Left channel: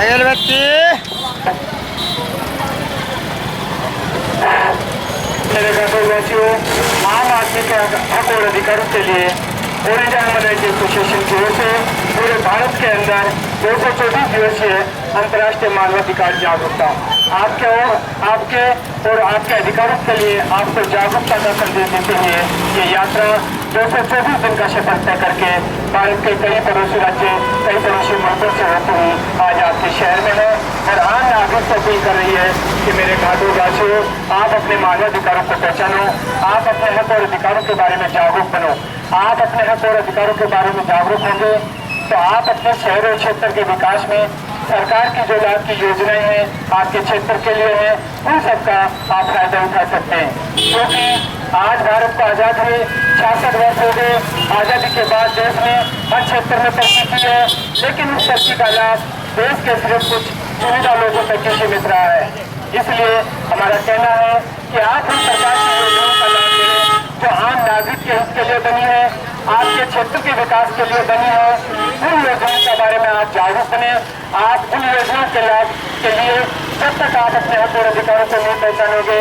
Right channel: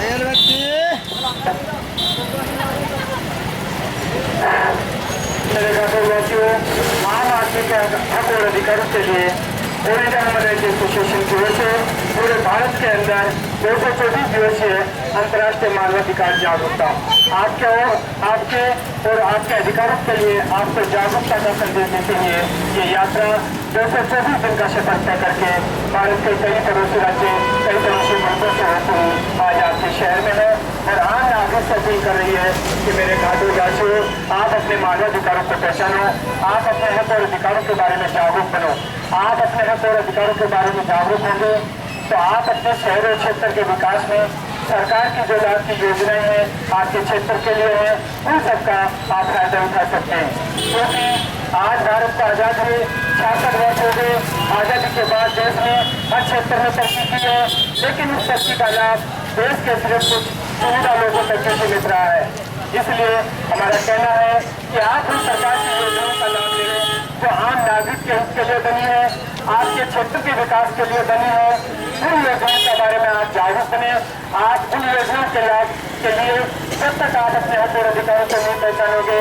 घायल व्यक्ति मेरे घाटोवासियों, आम आदमी के हक और अधिकारों के लिए ओरिजिनल मराठी एसोसिएशन की ओर से पूरे भारत के अंदर 224 दिवसीय अंतर्राष्ट्रीय मानवाधिकार जागरूकता आपके और आपके अधिकारों के लिए आपको जागरूकता का संदेश देते हुए ये यात्रा 224 दिन का सफर तय करके भारत के कई पड़ोसी राज्य कई पड़ोसी मुल्कों से होती हुई आज आपके शहर में है और आम नागरिक से अपील कर रही है कि मेरे घाटोवासियों, आप अपने मानवाधिकारों को पहचानो, आप अपने हक और अधिकारों के बारे में जागरूक बनो। आप अपने हक और अधिकारों के बारे में जागरूक होंगे तो आप अपने शहर और क्षेत्र के विकास में सरकार की जो लाभ की योजनाएं हैं आपके क्षेत्र के लिए है, उन सबका आप फायदा उठा सकते हैं। क्योंकि आज भारत को आजाद हुए 66 वर्ष हो गए। आजादी के बाद देश ने हर क्षेत्र में तरक्की की है, लेकिन उस तरक्की का लाभ देश के सिर्फ कुछ चुनिंदा लोगों तक ही सीमित रहा है। इसलिए हमारा कहना है कि आप उन सरकार की योजनाओं का लाभ लें जो आम नागरिक के हित के लिए बनी है, आपके क्षेत्र के विकास के लिए बनी है। उन योजनाओं के बारे में आप जागरूक बने। आप उन योजनाओं के लाभ के लिए जब तक आप अपने हक और अधिकारों को नहीं पहचानोगे,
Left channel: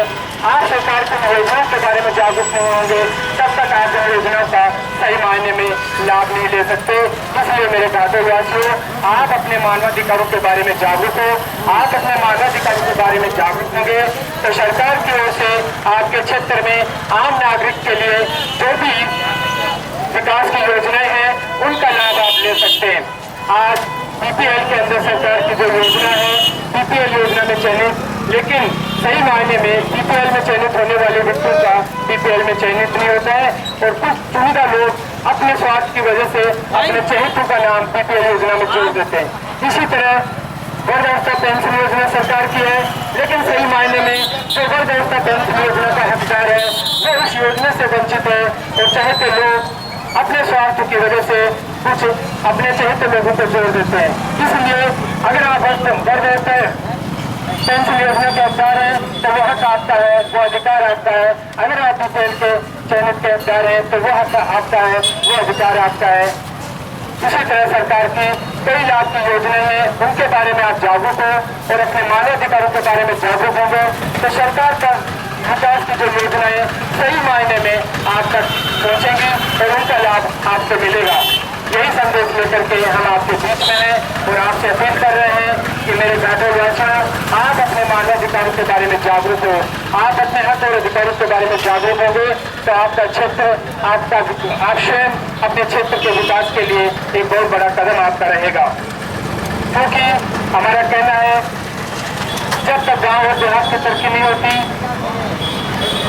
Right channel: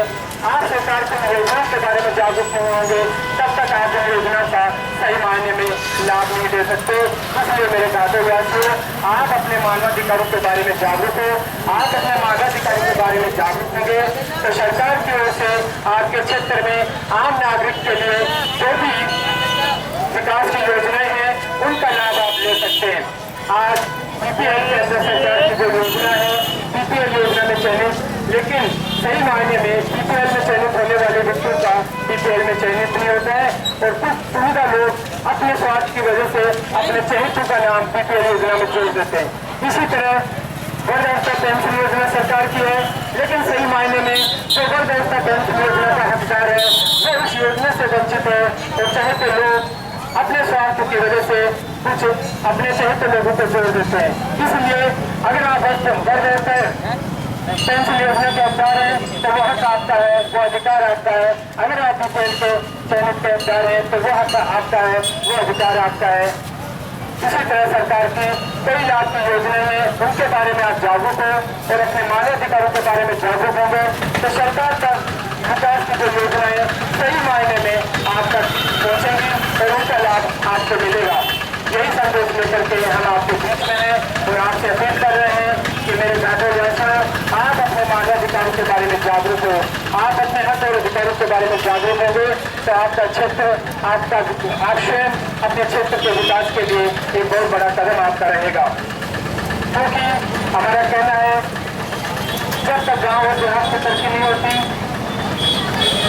आप सरकार की योजनाओं के बारे में जागरूक नहीं होंगे, तब तक आप इन योजनाओं का सही मायने में लाभ नहीं ले सकते। इसलिए मेरे घाटोवासियों, आप अपने मानवाधिकारों के बारे में जागरूक हो। आप अपने मानवाधिकारों के बारे में जागरूक होंगे तो सरकार की ओर से आपके क्षेत्र में आम नागरिक के लिए जो भी विकास की योजनाएं हैं उनका लाभ आप ले सकते हैं। आज बीपीएल के अंदर सरकार की जो योजना है, बीपीएल योजना में चयनित, लेकिन सही मायने में बीपीएल में चयनित होने वाले व्यक्तियों का बीपीएल में चयनित नहीं होता है और कुछ चुनिंदा लोग अपने स्वार्थ की वजह से अपने चहेतों का नाम बीपीएल योजना में जोड़ देते हैं। इसी तरह वृद्धावस्था पेंशन योजना सरकार की है, लेकिन सही मायने में जो वृद्धावस्था पेंशन योजना का हकदार है वो उस योजना से वंचित है और चहेते लोग अपने स्वार्थ की वजह से कुछ अपने चहेते लोगों को जोड़ देते हैं। इसलिए अगर आप वृद्धावस्था पेंशन योजना के हकदार है तो वो हक आपका है, वो अधिकार आपका है। अगर आप बीपीएल के चयनित के हकदार है तो वो हक आपका है, वो अधिकार आपका है। इसी तरह सरकार की कई लाभ की योजनाएं हैं, उनके बारे में आप जागरूक हो और अपने मानवाधिकारों के बारे में जागरूक होंगे तो सरकार का विकास की जो योजनाएं सही मायने में आप तक पहुंचेंगी और उनका लाभ आपको मिलेगा। यही संदेश लेकर के हम आपके बीच में हैं और आपसे अपील कर रहे हैं कि मेरे घाटोवासियों, आप अपने मानवाधिकारों के बारे में जागरूक हो। आप अपने हक और अधिकारों के बारे में जागरूक होंगे तो आपका क्षेत्र, आप स्वयं अपने क्षेत्र के विकास के लिए एक बहुत बड़ा कदम आपका रहेगा। क्योंकि हमारा कहना है जब तक गांव और देहात की तरक्की नहीं होती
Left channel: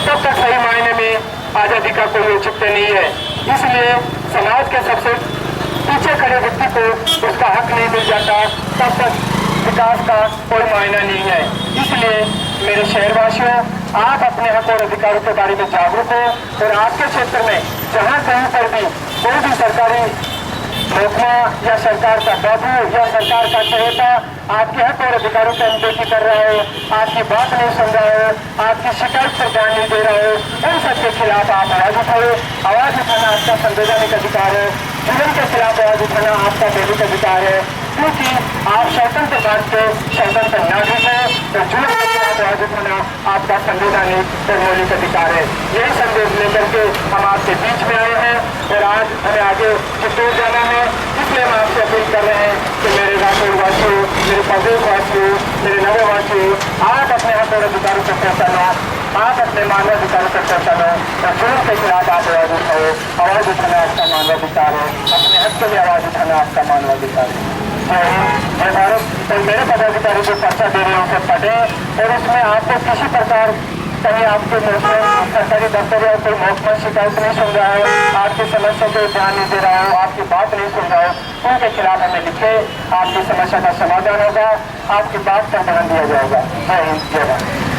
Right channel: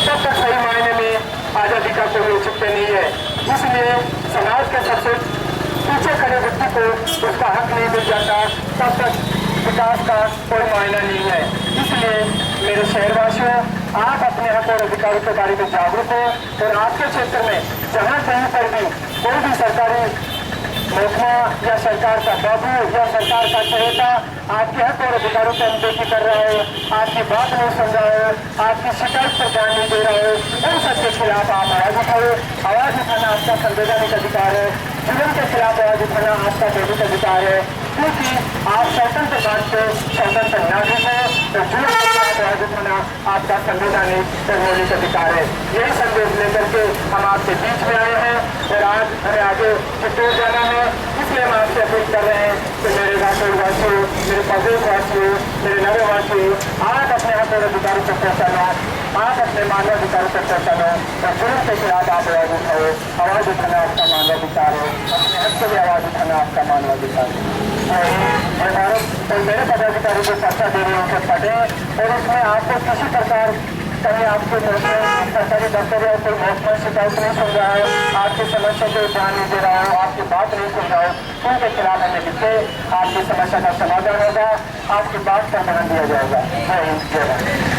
तब तक सही मायने में आजादी का कोई औचित्य नहीं है। इसलिए समाज के सबसे पीछे खड़े व्यक्ति को उसका हक नहीं मिल जाता तब तक विकास का कोई मायना नहीं है। इसलिए मेरे शहरवासियों, आप अपने हक और अधिकारों के बारे में जागरूक हो और आपके क्षेत्र में जहाँ कहीं पर भी कोई भी सरकारी महकमा या सरकार का बाबू या सरकार का चहेता आपके हक और अधिकारों की अनदेखी कर रहा हो, आपकी बात नहीं सुन रहा हो, आपकी शिकायत पर ध्यान नहीं दे रहा हो, उन सबके खिलाफ आप आवाज उठाओ। आवाज उठाना आपका संवैधानिक अधिकार है। जुल्म के खिलाफ आवाज उठाना आपका मौलिक अधिकार है, क्योंकि आप स्वतंत्र भारत के स्वतंत्र नागरिक हैं और जुल्म के खिलाफ आवाज उठाना आपका संवैधानिक और मौलिक अधिकार है। यही संदेश लेकर के हम आपके बीच में आए हैं और आज हमें आगे चित्तौड़ जाना है। इसलिए हम आपसे अपील कर रहे हैं कि मेरे घाटोवासियों, मेरे प्रदेशवासियों, मेरे नगरवासियों, आप अपने हक और अधिकारों को पहचानो, आप अपने मानवाधिकारों को पहचानो और जुल्म के खिलाफ आप आवाज उठाओ। आवाज उठाना आपका मानवाधिकार है, अपने हक के लिए आवाज उठाना आपका मानवाधिकार है। मैं भारत और मेरे पदाधिकारी जो पर्चा दे रहे हैं उसे पढ़ें और उसमें आपको किसी प्रकार कहीं आपके सरकारी दफ्तर या कोई महकमा शिकायत नहीं सुन रहा हो, आपकी समस्या को ध्यान नहीं दे रहा हो, आपकी बात नहीं सुन रहा हो, उनके खिलाफ हमें लिखे। आपकी समस्या का समाधान होगा, आपकी बात पर ध्यान दिया जाएगा। जय हिंद, जय भारत।